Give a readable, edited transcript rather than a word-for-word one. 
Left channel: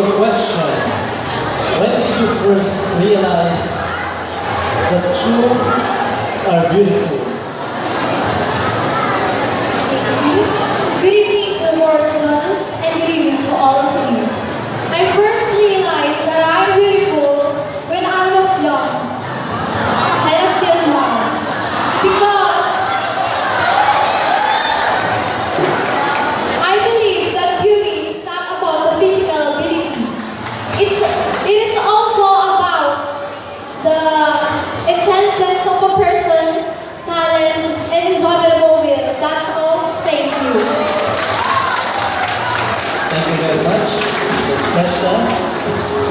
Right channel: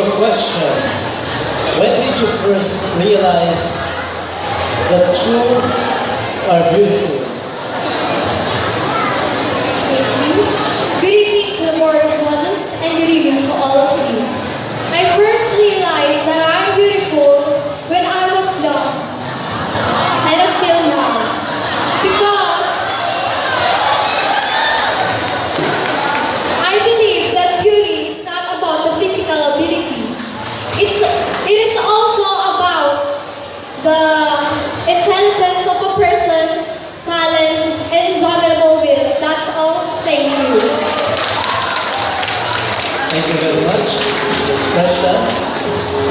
So, question. When did you first realize that you are beautiful? Good evening to the board of judges and good evening to all of you. I first realized that I'm beautiful when I was young and until now because I believe that beauty is not about the physical ability. It is also about the intelligence of a person, talent, and indomitable will. That's all. Thank you. Thank you very much, Ms. Prashta.